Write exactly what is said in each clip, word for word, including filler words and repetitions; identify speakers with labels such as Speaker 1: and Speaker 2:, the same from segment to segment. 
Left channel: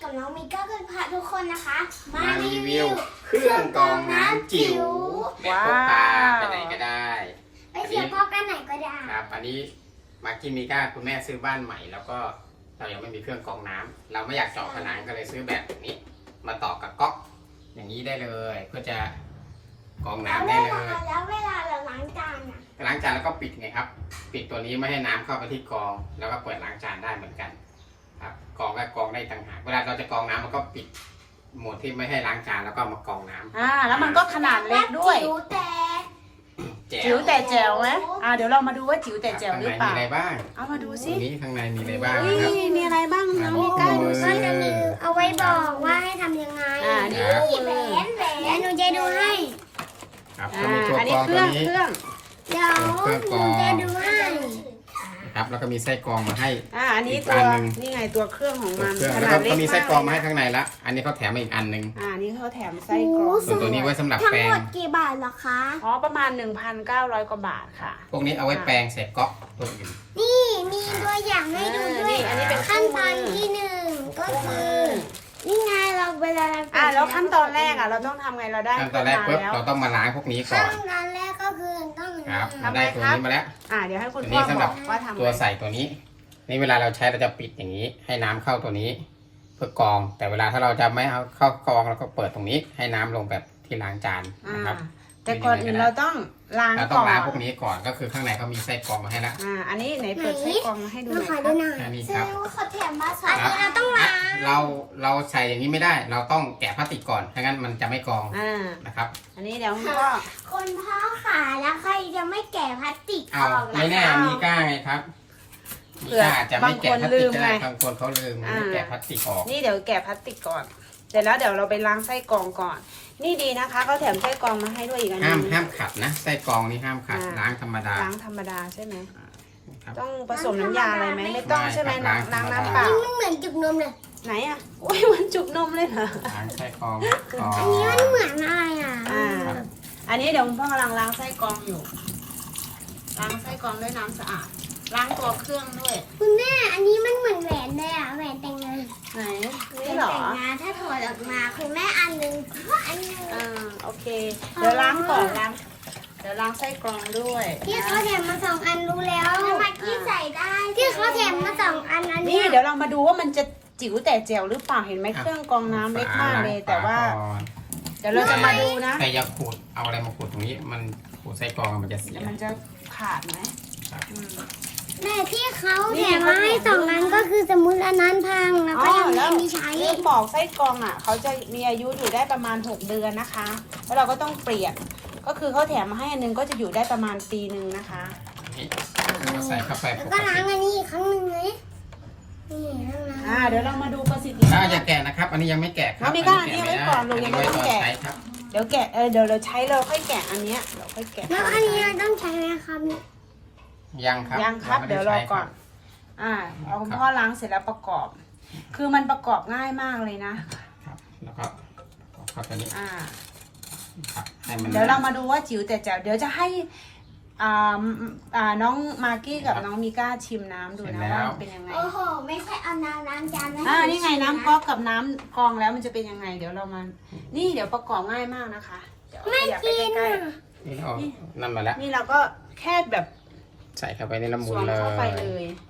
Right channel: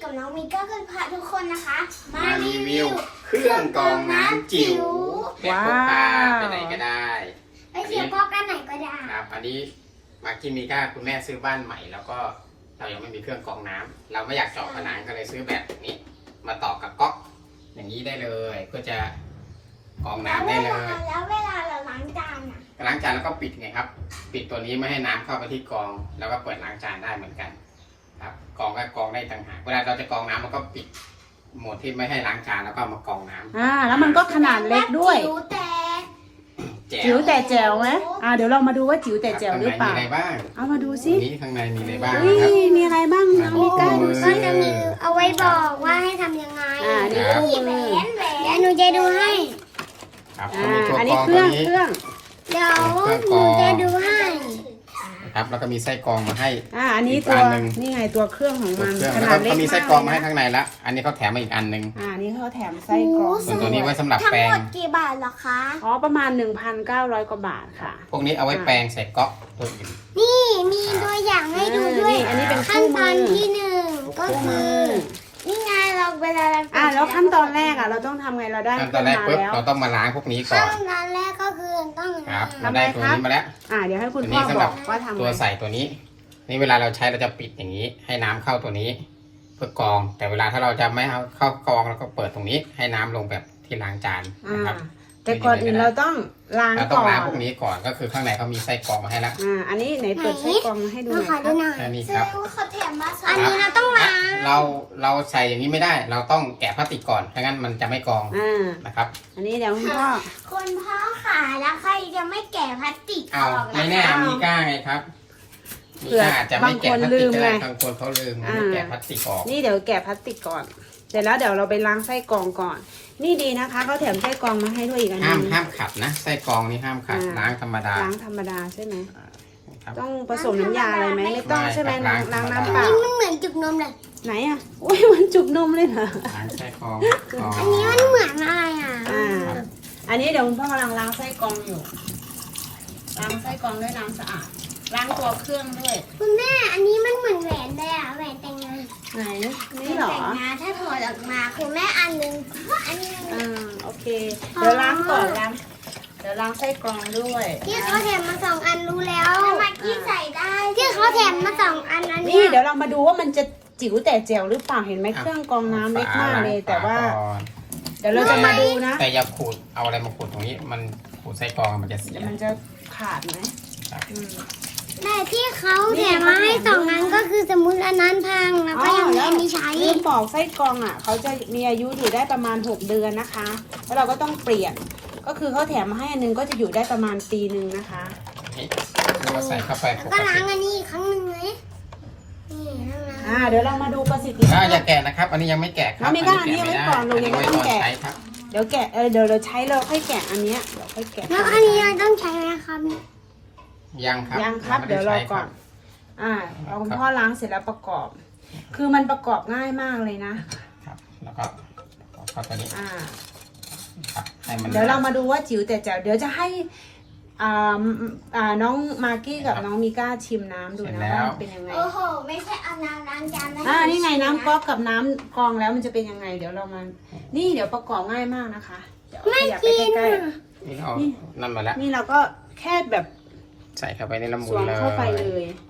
Speaker 1: กับน้องมิก้าเป็นพาทุกคนนะคะ
Speaker 2: มารีวิวเครื่องกรองน้ำจิ๋ว
Speaker 3: ว้าว
Speaker 2: พกพาไปไหนก็ได้
Speaker 1: ไปเที่ยวพอกกันไหนก็ได้
Speaker 2: ครับอันนี้มากินมิก้าคุณแม่ซื้อบ้านใหม่ แล้วก็เรายังไม่มีเครื่องกรองน้ำเราไม่อยากเจาะผนังก็เลยซื้อแบบนี้ มาต่อกับก๊อกอย่างนี้ได้เลย เพื่อจะกรองน้ำได้เลย
Speaker 1: แล้วเวลาเราล้างจานอ่ะ
Speaker 2: ล้างจานแล้วก็ปิดไงครับ ปิดตัวนี้ไม่ให้น้ำเข้าไปที่กรอง แล้วก็เปิดล้างจานได้เหมือนกัน ครับกรองก็กรองได้ต่างหากเวลาเราจะกรองน้ำเราก็ปิดโหมดที่ไม่ให้ล้างจานแล้วก็มากรองน้ำ
Speaker 3: อ่าแล้วมันก็ขนาดเล็กด้วย
Speaker 1: จิ๋วแต่
Speaker 3: จิ๋วแต่แจ๋วไหมอ่าเดี๋ยวเรามาดูว่าจิ๋วแต่แจ๋วหรือเปล่า
Speaker 2: ข้างในมีอะไรบ้าง
Speaker 3: เอามาดูสิ
Speaker 2: นี้ข้างในมีอะไรบ้าง
Speaker 3: อุ้ย
Speaker 2: นะครับ
Speaker 3: มีอะไรบ้างน้องมิก้าดูสิ
Speaker 1: มันจะมีเอาไว้บอกว่าให้ทำยังไง
Speaker 3: อ่านี่คู่มือ
Speaker 1: แหวนหนูจะดูให้
Speaker 2: ครับก็
Speaker 3: อ่า
Speaker 2: มีตัว
Speaker 3: อัน
Speaker 2: กร
Speaker 3: นี้
Speaker 2: อง
Speaker 3: เค
Speaker 2: ตั
Speaker 3: รื่
Speaker 2: ว
Speaker 3: อง
Speaker 2: นี้
Speaker 3: เครื่อง
Speaker 1: เดี๋ยวหนูจะดูให้
Speaker 2: นะครับแล้วก็มีไส้กรองมาให้
Speaker 3: อ่าอันนี้
Speaker 2: อีก
Speaker 3: ตัว
Speaker 2: อันหนึ่ง
Speaker 3: นี่ไงตัวเครื่องของ
Speaker 2: ตัว
Speaker 3: มัน
Speaker 2: เครื่อง
Speaker 3: ข
Speaker 2: แล้ว
Speaker 3: นาด
Speaker 2: ก็
Speaker 3: เล็ก
Speaker 2: มีไส้
Speaker 3: มาก
Speaker 2: กรองมา
Speaker 3: เล
Speaker 2: ให้
Speaker 3: ยนะ
Speaker 2: ข้างในละอันนี้เขาแถมมาอีกอันหนึ่ง
Speaker 3: อ่านี่เขาแถมไส้กรอง
Speaker 2: ส่วนตัวนี้ไว้สำหรับ
Speaker 1: ทั้ง
Speaker 2: แปรง
Speaker 1: หมดกี่บาทเหรอคะ
Speaker 3: อ๋อประมาณ หนึ่งพันเก้าร้อย กว่าบาทค่ะ
Speaker 2: พวกนี้เอาไว้แปรงใส่ก๊อกตัวอื่น
Speaker 1: นี่มีตัวอย่างให้ดูด้วย
Speaker 3: อ่านี่อันนี้เป็น
Speaker 1: ขั้น
Speaker 3: คู่
Speaker 1: ต
Speaker 3: มื
Speaker 1: อน
Speaker 3: อ
Speaker 1: ที่หนึ่งก็
Speaker 2: คู่มื
Speaker 1: คือ
Speaker 2: อ
Speaker 1: นี่ไงเราเวลาเรา
Speaker 3: อ่าแล้วขั้นตอนแรกอ่ะเราต้องทำไงเราได้
Speaker 2: ขั้น
Speaker 3: เค
Speaker 2: ตอ
Speaker 3: รื่อน ง
Speaker 2: แรก
Speaker 3: มา
Speaker 2: ปุ๊บ
Speaker 3: แล้ว
Speaker 2: เราต้องมาล้างพวกนี้ก่อ
Speaker 1: ขั้
Speaker 2: น
Speaker 1: นตอนแรกก็คือต้อง
Speaker 2: ครับเราได้ตัวนี้มาแล้ว
Speaker 3: อ่าเดี๋ยวให้คุณ
Speaker 2: ตัว
Speaker 3: พ่
Speaker 2: นี้
Speaker 3: อ
Speaker 2: สำ
Speaker 3: บ
Speaker 2: หรั
Speaker 3: อบ กว่าทำ
Speaker 2: ตัว
Speaker 3: ไง
Speaker 2: ใส่ตัวนี้ นี่เวลาเราใช้เราจะปิดอย่างนี้ ให้น้ำเข้าตัวนี้ เพื่อกรอง แต่เวลาถ้าเราจะไม่เอาเข้ากรองเราก็เปิดตรงนี้ ให้น้ำลงแบบที่ล้างจาน
Speaker 3: อ่า
Speaker 2: นะครับ
Speaker 3: แต่ก่อนอื่นเราต้องล้าง
Speaker 2: เราต้อ
Speaker 3: ก่
Speaker 2: ง
Speaker 3: อ
Speaker 2: ล้าง
Speaker 3: น
Speaker 2: พวกนี้ก่อนก็คือข้างในเขามีไส้กรองมาให้แล้ว
Speaker 3: อ่าอันนี้ไหนเปิดไส้กรองมาให้ดูหน่อย
Speaker 1: ขอ
Speaker 3: ค
Speaker 1: ดู
Speaker 3: รับ
Speaker 1: หน่อย
Speaker 2: แค่นี้
Speaker 1: แส
Speaker 2: ค
Speaker 1: ด
Speaker 2: รับ
Speaker 1: งว่าเขาแถมมาอันนี้เราต้องล้าง
Speaker 2: เราเราใส่อย่างนี้ไม่ได้ เราต้องแกะพลาสติกก่อนไม่งั้นมันจะไม่กรอง
Speaker 3: อ่า
Speaker 2: นะครับ
Speaker 3: อันนี้เดี๋ยวคุณพ่อ
Speaker 1: คนพ่อขาแล้วใครจะไม่แกะพลาสติกอ
Speaker 2: เอา
Speaker 1: อก
Speaker 2: ไม่แน่
Speaker 3: เอามี
Speaker 2: มีก้าไงครับมี
Speaker 3: เผื่อ
Speaker 2: ก้าอาจจะไม่แกะพลาสติก
Speaker 3: บางคนลืม
Speaker 2: ก็ได้
Speaker 3: ไง
Speaker 2: บางคนเขาลืมไม่แกะพลาสติกออก
Speaker 3: นี่เดี๋ยวแกะพลาสติกก่อน เสร็จแล้วเดี๋ยวเราไปล้างไส้กรองก่อน นี่ดีนะคะเขาแถมไส้กรองมาให้ด้วยอีกอันห
Speaker 2: ห้าม
Speaker 3: นึง
Speaker 2: ห้ามขัดนะไส้กรองนี่ห้ามขัด
Speaker 3: อ่า
Speaker 2: ล้างธรรมดา
Speaker 3: ล้างธรรมดาใช่ไหม
Speaker 2: ครับ
Speaker 3: ต้องผสมน้ำยาอะไรไหมไม่ต้อง
Speaker 2: ไม่
Speaker 3: ใช่ไหม
Speaker 2: ครับ
Speaker 3: ล้าง
Speaker 2: ล้าง
Speaker 3: ล้างน้ำเปล่า
Speaker 1: มันเหมือนจุกนมเลย
Speaker 3: ไหนอ่ะอุ้ยมันจุกนมเลยเหรอ
Speaker 2: ล้างไส้กรองกรอง
Speaker 1: อันนี้มันเหมือนอะไรอ่ะ
Speaker 3: อ่า อันนี้เดี๋ยวคุณพ่อกำลังล้างไส้กรองอยู่ ล้างไส้กรองด้วยน้ำสะอาด ล้างตัวเครื่องด้วย
Speaker 1: คุณแม่อันนี้มันเหมือนแหวนเลยอ่ะแหวนแต่งงาน
Speaker 3: ไหนนี่เหรอ
Speaker 1: แต่งงานถ้าถอดออกมาคุณแม่อันหนึ่งอันหนึ่ง
Speaker 3: อ่าโอเค เดี๋ยวล้างก่อนล้างเดี๋ยวล้างไส้กรองด้วย
Speaker 1: ที่
Speaker 3: นะ
Speaker 1: เขาแถมมาสองอันรู้แล้วทำไมที่ใส่ได้ที่เขาแถมมาสองอันนั้น
Speaker 3: นี่เดี๋ยวเรามาดูว่ามันจะจิ๋วแต่แจ๋วหรือเปล่าเห็นไหมเครื่องกรองน้ำเล็กมากเลย แต่ว่า เดี๋ยวเราจะมาดูนะ
Speaker 2: แต่อย่าขูดเอาอะไรมาขูดตรงนี้ มันขูดไส้กรองมันจะเสี
Speaker 3: เดี๋
Speaker 2: ย
Speaker 3: ยวมันจะขาดไหม
Speaker 2: ครับ
Speaker 3: อืม
Speaker 1: แต่ที่เขาแถมมาให้สองอันก็คือสมมติอันนั้นพังมัน
Speaker 3: อ๋อ
Speaker 1: ก็ยัง
Speaker 3: แล้ว
Speaker 1: ไม่มีใช้
Speaker 3: ลืมบอกไส้กรองอ่ะเขาจะมีอายุอยู่ได้ประมาณหกเดือนนะคะ แล้วเราก็ต้องเปลี่ยน ก็คือเขาแถมมาให้อันนึงก็จะอยู่ได้ประมาณปีหนึ่งนะคะ
Speaker 2: นี่เราใส่เข้าไปป
Speaker 1: ก็
Speaker 2: ก
Speaker 1: ล้า
Speaker 2: ติ
Speaker 1: งอันนี้อีกครั้งหนึงไหมนี่ต้องล้าง
Speaker 3: อ่าเดี๋ยวเรามาดูประสิทธิ
Speaker 2: ถ้า
Speaker 3: ภาพ
Speaker 2: อย่าแกะนะครับ อันนี้ยังไม่แกะครั
Speaker 3: น้องมี
Speaker 2: อั
Speaker 3: ก้า
Speaker 2: แกะไม่ได้
Speaker 3: อั
Speaker 2: อั
Speaker 3: น
Speaker 2: น
Speaker 3: นี้
Speaker 2: นี้
Speaker 3: ไว้
Speaker 2: ไว้
Speaker 3: ก่อนลง
Speaker 2: ตอน
Speaker 3: ยังไม่ต้องแกะ
Speaker 2: ใช้ครับ
Speaker 3: เดี๋ยวแกะเออเดี๋ยวเราใช้เราค่อยแกะอันเนี้ยเดี๋ยวค่อยแกะ
Speaker 1: แล้วอันนี้เราต้องใช้ไหมครับเนี่ย
Speaker 2: ยังครับ
Speaker 3: ยังครับ
Speaker 2: ไม่
Speaker 3: เดี๋ยวรอ
Speaker 2: ใช้
Speaker 3: ก่อน อ่าเอาคุณพ่อล้างเสร็จแล้วประกอบ คือมันประกอบง่ายมากเลยนะ
Speaker 2: ครับแล้วก็เอาเข้าไปนี้
Speaker 3: อ่า
Speaker 2: ครับให้มัน
Speaker 3: เดี๋ยวเรามาดูว่าจิ๋วแต่แจ๋วเดี๋ยวจะให้อ่าอ่าน้องมากกี้กับน้องมิก้าชิมน้ำดูนะว่ามันเป็นยังไง
Speaker 1: โอ้โหไม่ใช่เอาน้ำล้างจานนะ
Speaker 3: อ่านี่ไงน้ำก๊อกกับน้ำกรองแล้วมันจะเป็นยังไง เดี๋ยวเรามานี่เดี๋ยวประกอบง่ายมากนะคะเดี๋ยว
Speaker 1: ไม่
Speaker 3: ขยับไป
Speaker 1: กิน
Speaker 3: ใกล้
Speaker 1: อ่ะ
Speaker 2: นี่เรานั่นมาแล้ว
Speaker 3: ๆนี่เราก็แค่แบบ
Speaker 2: ใส่เข้าไปในน้ำ
Speaker 3: สวมเข้าไปเลย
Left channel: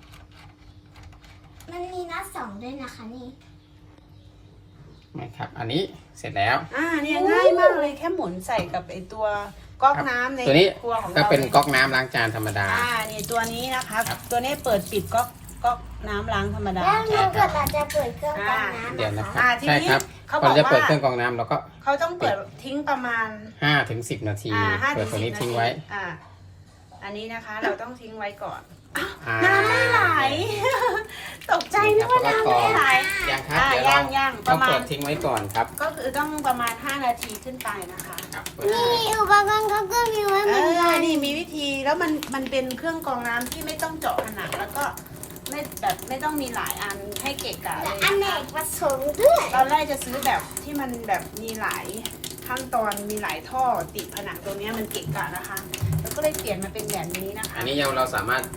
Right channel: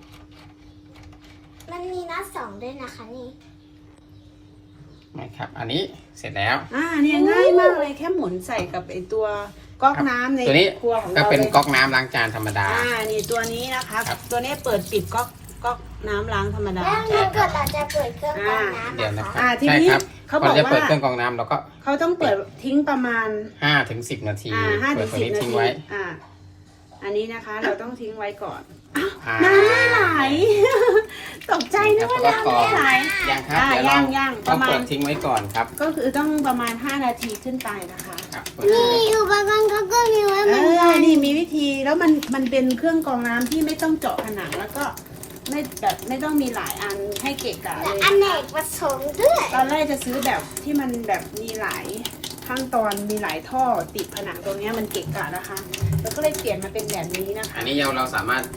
Speaker 1: มันมีนัดสองด้วยนะคะนี่
Speaker 2: นะครับ อันนี้เสร็จแล้ว
Speaker 3: อ่าเนี่ยง่ายมากเลยแค่หมุนใส่กับไอตัวก๊อกน้ำใน
Speaker 2: ตัวนี้
Speaker 3: ครัวของ
Speaker 2: ก็
Speaker 3: เรา
Speaker 2: เป็น
Speaker 3: เลย
Speaker 2: ก๊อกน้ำล้างจานธรรมดา
Speaker 3: อ่านี่ตัวนี้นะคะ
Speaker 2: ครับ
Speaker 3: ตัวนี้เปิดปิดก๊อกก๊อกน้ำล้างธรรมดา
Speaker 1: แล้วมันเกิดอาจจะเปิดเครื่องกรองน้ำนะคะ
Speaker 3: อ่าทีนี้
Speaker 2: ใช่ครับ
Speaker 3: เขาบอก
Speaker 2: จะเปิด
Speaker 3: ว่า
Speaker 2: เครื่องกรองน้ำแล้วก็
Speaker 3: เขาต้องเปิดทิ้งประมาณ
Speaker 2: ห้าถึงสิบนาที
Speaker 3: อ่าห้าถึ
Speaker 2: เปิด
Speaker 3: ง
Speaker 2: ตัว
Speaker 3: สิบ
Speaker 2: นี้
Speaker 3: นา
Speaker 2: ทิ้ง
Speaker 3: ที
Speaker 2: ไว้
Speaker 3: อ่า อันนี้นะคะเราต้องทิ้งไว้ก่อนอ้าว
Speaker 2: อ่า
Speaker 3: น้ำไม่ไหล ตกใจนึกว่าน้ำไม่ไหล
Speaker 2: ยังครับ
Speaker 3: อ่า
Speaker 2: เดี๋วเ
Speaker 3: ยังยัง
Speaker 2: ต้
Speaker 3: ป
Speaker 2: อง
Speaker 3: ระมาณ
Speaker 2: เปิดทิ้งไว้ก่อนครับ
Speaker 3: ก็คือต้องประมาณห้านาทีขึ้นไปนะคะ
Speaker 2: ครับ
Speaker 1: นี่อุปกรณ์เขาก็มีไว้เห
Speaker 3: เอ
Speaker 1: มือน
Speaker 3: อ
Speaker 1: กัน
Speaker 3: นี่มีวิธีแล้วมันมันเป็นเครื่องกรองน้ำที่ไม่ต้องเจาะผนังแล้วก็ไม่แบบไม่ต้องมีหลายอันให้เกะกะเลย
Speaker 1: อันเนกประสงค์ด้วย
Speaker 3: ตอนแรกจะซื้อแบบที่มันแบบมีหลายขั้นตอนมีหลายท่อติดผนังตรงเนี้ยมันเกะกะนะคะ แล้วก็เลยเปลี่ยนมาเป็นแบบนี้นะคะ
Speaker 2: อันนี้ยังเราสามารถ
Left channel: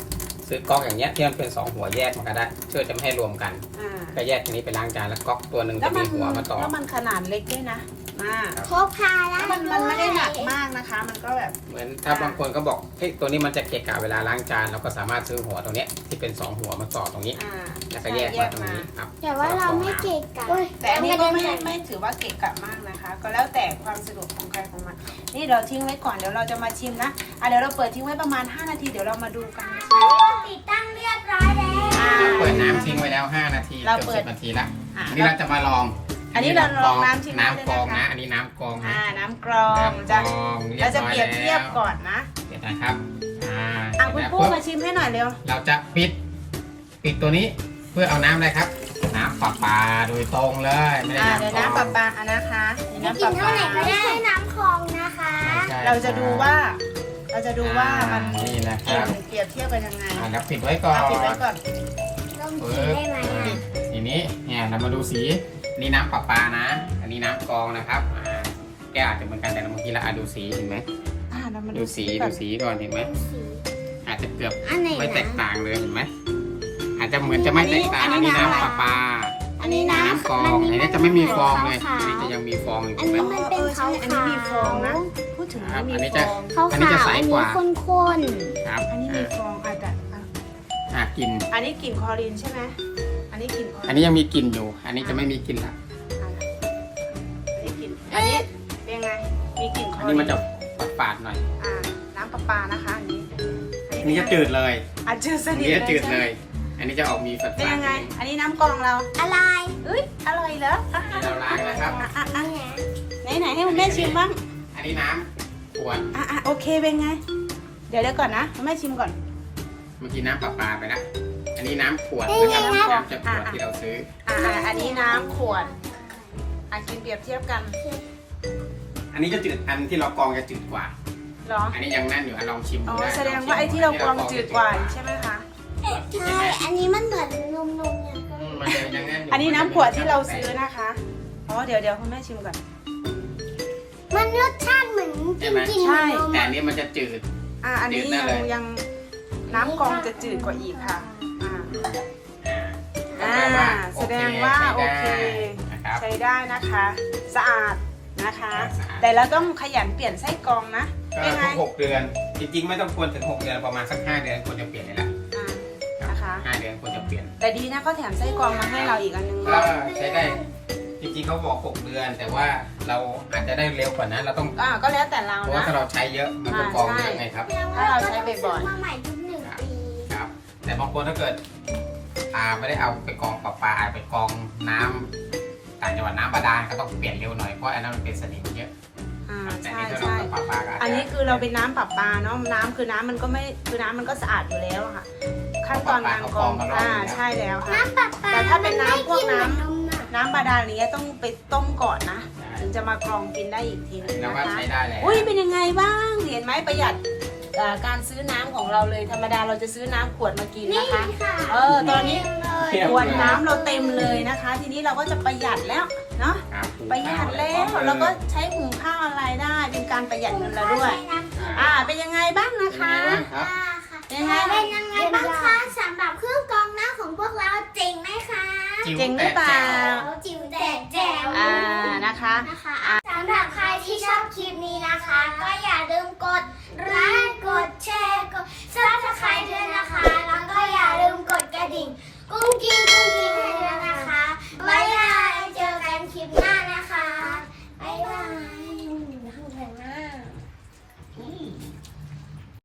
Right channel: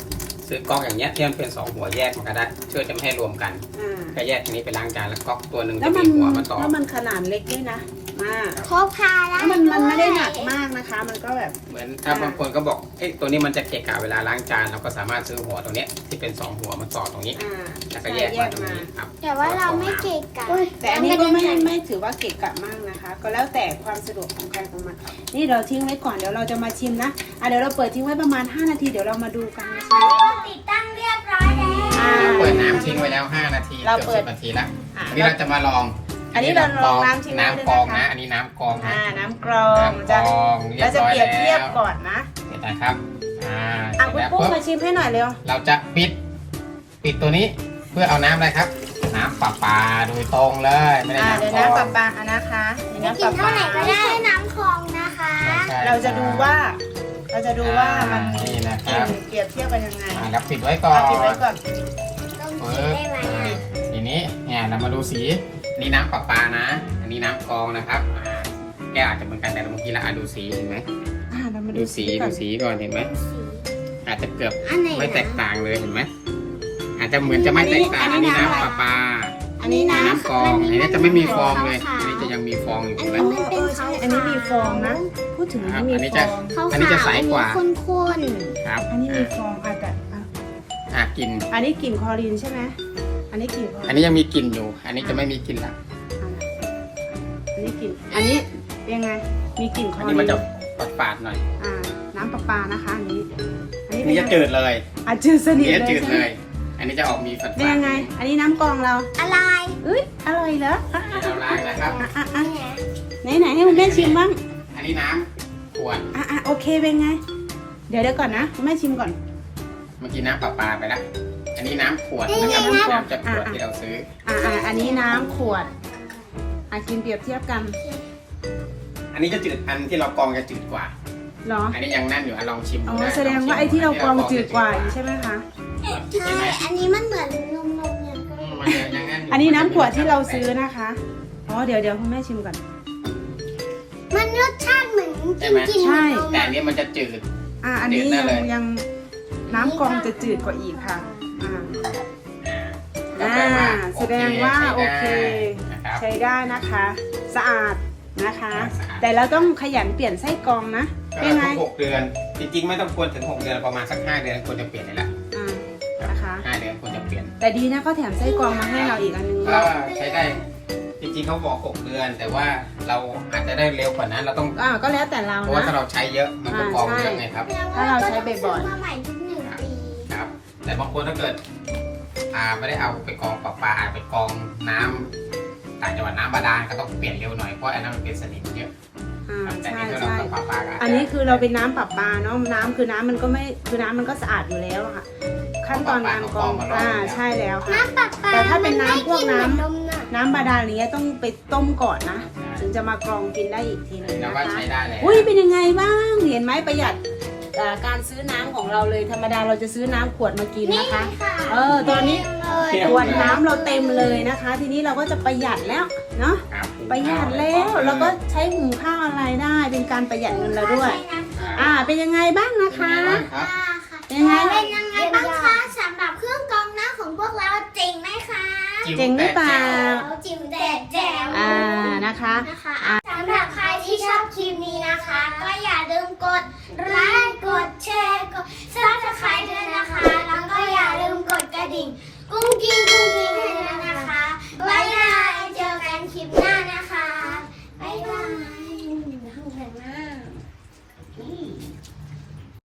Speaker 2: ซื้อก๊อกอย่างเงี้ยที่มันเป็นสองหัวแยกมันก็ได้เพื่อจะไม่ให้รวมกัน
Speaker 3: อ่า
Speaker 2: ก็แยกตัวนี้ไปล้างจานแล้วก๊อกตัวหนึ่ง
Speaker 3: แล้วมัน
Speaker 2: จะหัวมาต่อ
Speaker 3: แล้วมันขนาดเล็กนี่นะมาก
Speaker 1: เขาพา
Speaker 3: แล้วมันมันไม่ได้หนักมากนะคะ มันก็แบบ
Speaker 2: เหมือนถ้าบางคนก็บอกเอ้ตัวนี้มันจะเกะกะเวลาล้างจานเราก็สามารถซื้อหัวตรงเนี้ยที่เป็นสองหัวมาต่อตรงนี้
Speaker 3: อ่า
Speaker 2: แล้วก็
Speaker 3: ใช่
Speaker 2: แยก
Speaker 3: แย
Speaker 2: มาก ตรง
Speaker 3: มา
Speaker 2: นี้ครับ
Speaker 1: แต่ว่าเราไม่เก่งกัน
Speaker 3: แต่อันนี้ก็ไม่ไม่ถือว่าเกะกะมากนะคะ ก็แล้วแต่ความสะดวกของใครของมันนี่เราทิ้งไว้ก่อนเดี๋ยวเราจะมาชิมนะอ่ะเดี๋ยวเราเปิดทิ้งไว้ประมาณห้านาทีเดี๋ยวเรามาดูกันนะคะ
Speaker 1: ติดตั้งเรียบร้อยแล้ว
Speaker 3: อ่า
Speaker 2: เปิดน้ำทิ้งไว้แล้วห้านาที
Speaker 3: เรา
Speaker 2: เกือบ
Speaker 3: เปิ
Speaker 2: สิ
Speaker 3: ด
Speaker 2: บนาทีแล้ว
Speaker 3: อ่ะ
Speaker 2: อันนี้เราจะมาลอง
Speaker 3: อันนี้เราลองน้ำทิ้งไว้
Speaker 2: น้ำกรอง
Speaker 3: เลยนะคะ
Speaker 2: นะอันนี้น้ำกรองนะ
Speaker 3: อ่าน้ำกรอง
Speaker 2: น้ำกร
Speaker 3: จะ
Speaker 2: อง
Speaker 3: เราจะเปรียบเทียบ
Speaker 2: อน
Speaker 3: ก่อนนะ
Speaker 2: เดี๋ยวนะครับอ่า
Speaker 3: อ่ะ
Speaker 2: เสร็จ
Speaker 3: คุณ
Speaker 2: แล้ว
Speaker 3: ปุ้
Speaker 2: ปุ๊บ
Speaker 3: มาชิมให้หน่อยเร็ว
Speaker 2: เราจะปิด ปิดตัวนี้เพื่อเอาน้ำอะไรครับ น้ำประปาโดยตรงเลยไม่ได้
Speaker 3: อ่า
Speaker 2: น้ำ
Speaker 3: เดี๋ยว
Speaker 2: กรอง
Speaker 3: น้ำปลาปลาอ่ะนะคะเดี๋ยวน้ำปลาปลา
Speaker 1: ไม่ใช่น้ำคลองนะคะ
Speaker 2: ไม่ใช่
Speaker 3: เราจะดูว่า เราจะดูว่ามัน
Speaker 2: อ่านี่นะครับ
Speaker 3: เปรียบเทียบกันยังไง
Speaker 2: อ่าแล้วปิดไว้ก่อน
Speaker 3: เอาปิดไว้ก่อน
Speaker 2: ปึ๊บอ่าทีนี้เนี่ยเรามาดูสีนี่น้ำประปานะ อันนี้น้ำกรองนะครับอ่าแก้วอาจจะเหมือนกันแต่เมื่อกี้เราอ่ะดูสีเห็นไหม
Speaker 3: อ่าเรามา
Speaker 2: ดู
Speaker 3: ดู
Speaker 2: สี
Speaker 3: ก่อ
Speaker 2: ดู
Speaker 3: น
Speaker 2: สีก่อนเห็นไหมอาจจะเกือบ
Speaker 1: อันไหน
Speaker 2: ไม่แตกต่างเลยเห็นไหมอาจจะเหมือนจะไม่แตกต่างอันนี้น้ำประปา
Speaker 3: อันนี้นะ
Speaker 2: น้ำกรองอันนี้จะไม่มีฟองเลยอันนี้จะยังมีฟองอยู่
Speaker 1: อั
Speaker 2: เห็
Speaker 1: น
Speaker 2: นไหม
Speaker 1: นี้ไม่เป็น
Speaker 3: ใช่อันนี้มีฟองนะ พูดถึง
Speaker 2: ครับ
Speaker 3: มี
Speaker 2: อันนี้
Speaker 3: ฟ
Speaker 2: จะ
Speaker 3: อง
Speaker 2: อันนี้จะใสกว่า
Speaker 1: ข้น
Speaker 2: ครับ
Speaker 3: อันนี้มีฟองอาจจะอ่ะ
Speaker 2: อ่ะกลิ่น
Speaker 3: อันนี้กลิ่นคลอรีนใช่ไหมอันนี้กลิ่นคลอรีน
Speaker 2: อันนี้ยังมีกลิ่นอยู่ อันนี้จะไม่มีกลิ่นละ
Speaker 3: อันนี้กลิ่นอันนี้ยังไงมีกลิ่นคล
Speaker 2: อั
Speaker 3: อน รี
Speaker 2: นี้
Speaker 3: น
Speaker 2: มันจะฝาดๆหน่อย
Speaker 3: อ่าน้ำประปานะคะอันนี้
Speaker 2: อันนี้จะจืดเลย
Speaker 3: อ่ะจืดส
Speaker 2: อัน
Speaker 3: นิท
Speaker 2: นี้
Speaker 3: เล
Speaker 2: จะ
Speaker 3: ย
Speaker 2: จืด
Speaker 3: ใช่
Speaker 2: เล
Speaker 3: ไหม
Speaker 2: ย อันนี้จะออกมีฝาด
Speaker 3: เป็นยังไง
Speaker 2: ๆ
Speaker 3: อันนี้น้ำกรองเรา
Speaker 1: ๆอะไร
Speaker 3: เอ้ยอร่อยเหรออ่ะอ่ะ
Speaker 2: เราล้างนะครับ
Speaker 3: อ่ะอ่ะอ่ะไหนไหนให้คุณแม่ชิมบ้าง
Speaker 2: อันนี้น้ำขวด
Speaker 3: อ่ะอ่ะโอเคเป็นไง เดี๋ยวเดี๋ยวก่อนนะคุณแม่ชิมก่อน
Speaker 2: เมื่อกี้น้ำประปาไปแล้ว อันนี้น้ำขวดนะครับน้ำจากขวดที่เราซื้อ
Speaker 3: อ่ะอ่ะอันนี้น้ำขวดอ่ะชิมเปรียบเทียบกัน
Speaker 2: อันนี้จะจืด อันที่เรากรองจะจืดกว่า
Speaker 3: เหรอ
Speaker 2: อันนี้ยังนั่นอยู่อ่ะลองชิม
Speaker 3: อ๋อ
Speaker 2: ได้
Speaker 3: แสดงว่าไอ้ที่เรากรองจืดกว่าใช่ไหมคะ
Speaker 1: ใช่อันนี้มันเหมือนนมนมๆอย่างก็
Speaker 2: อืมมันยังยังยู่
Speaker 3: อันนี้น้ำขวดที่เราซื้อนะคะอ๋อเดี๋ยวเดี๋ยวคุณแม่ชิมก่อน
Speaker 1: มันรสชาติเหมือนกินกิน
Speaker 3: ใช่
Speaker 1: นม
Speaker 2: แต่อันนี้มันจะจืด
Speaker 3: อ่ะอันนี้
Speaker 2: จืดได้
Speaker 3: ยัง
Speaker 2: เลย
Speaker 3: ยังน้ำกรองจะจืดกว่าอีกค่ะอ่า
Speaker 2: อ่า
Speaker 3: อ่าแสดงว่าโอเค
Speaker 2: นะครับ
Speaker 3: ใช้ได้นะคะ สะอาดนะคะ
Speaker 2: สะอาด
Speaker 3: แต่เราต้องขยันเปลี่ยนไส้กรองนะ
Speaker 2: ก็
Speaker 3: ยังไง
Speaker 2: ทุกหกเดือน จริงๆไม่ต้องควรถึงหกเดือนประมาณสักห้าเดือนควรจะเปลี่ยนเลยละ
Speaker 3: อ่านะคะ
Speaker 2: ห้าเดือนควรจะเปลี่ยน
Speaker 3: แต่ดีนะเขาแถมไส้กรองมาให้เราอีกอันนึง
Speaker 2: ก็ใช้ได้ จริงๆเขาบอกหกเดือน แต่ว่าเราอาจจะได้เร็วกว่านั้นเราต้อง
Speaker 3: อ่าก็แล้วแต่เรา
Speaker 2: เพราะว่า
Speaker 3: นะ
Speaker 2: ถ้าเราใช้เยอะมันก็กรองเยอะไงครับ
Speaker 3: ถ้าเราใช้บ่อยๆ
Speaker 1: มาใหม่ทุกหนึ่งปี
Speaker 2: ครับ แต่บางคนถ้าเกิด อ่าไม่ได้เอาไปกรองประปาอาจไปกรองน้ำต่างจังหวัดน้ำบาดาลก็ต้องเปลี่ยนเร็วหน่อยเพราะอันนั้นมันเป็นสนิมเยอะ
Speaker 3: อ่า
Speaker 2: ครับแต่
Speaker 3: ใช่
Speaker 2: นี่ถ้าเรา
Speaker 3: ใช่
Speaker 2: กรองประปาก็าจจะ
Speaker 3: อันนี้คือเราเป็นน้ำปรับปลาเนาะน้ำคือน้ำมันก็ไม่คือน้ำมันก็สะอาดอยู่แล้วอะค่ะ ขั้นตอนการกรองอ่าใช่แล้วค่ะ
Speaker 1: น้ำปลาปลา
Speaker 3: แต่ถ้าเป็นน้ำพวกน้ำ
Speaker 1: มัไม่กิเหมือนนมน่ะ
Speaker 3: น้ำบาดาลนี้ต้องไปต้มก่อนนะ ถึงจะมากรองกินได้อีกทีนึง
Speaker 2: แล้ว
Speaker 3: นะ
Speaker 2: ว่า
Speaker 3: คะ
Speaker 2: ใช้ได้เลย
Speaker 3: อุ้ยเป็นยังไงบ้างเห็นไหมประหยัดเอ่อการซื้อน้ำของเราเลยธรรมดาเราจะซื้อน้ำขวดมากินนะคะ เออตอนนี้ขวดน้ำเราเต็มเลยนะคะ ทีนี้เราก็จะประหยัดแล้วเนาะ
Speaker 2: ครับ
Speaker 3: ประหยัดแล้วเราก็ใช้หุงข้าวอะไรได้ เป็นการประหยัดเงินเราด้วย อ่าเป็นยังไงบ้างนะคะ
Speaker 2: ครับ
Speaker 3: เป็นยังไง
Speaker 1: เป็นยังไงบ้างคะสำหรับเครื่องกรองน้ำของพวกเราจริงไหมคะ
Speaker 3: เจ๋งหรือเปล่า
Speaker 1: จิ๋วแต่แจ๋ว
Speaker 3: อ่านะคะ
Speaker 1: นะคะสำหรับใครที่ชอบคลิปนี้นะคะ ก็อย่า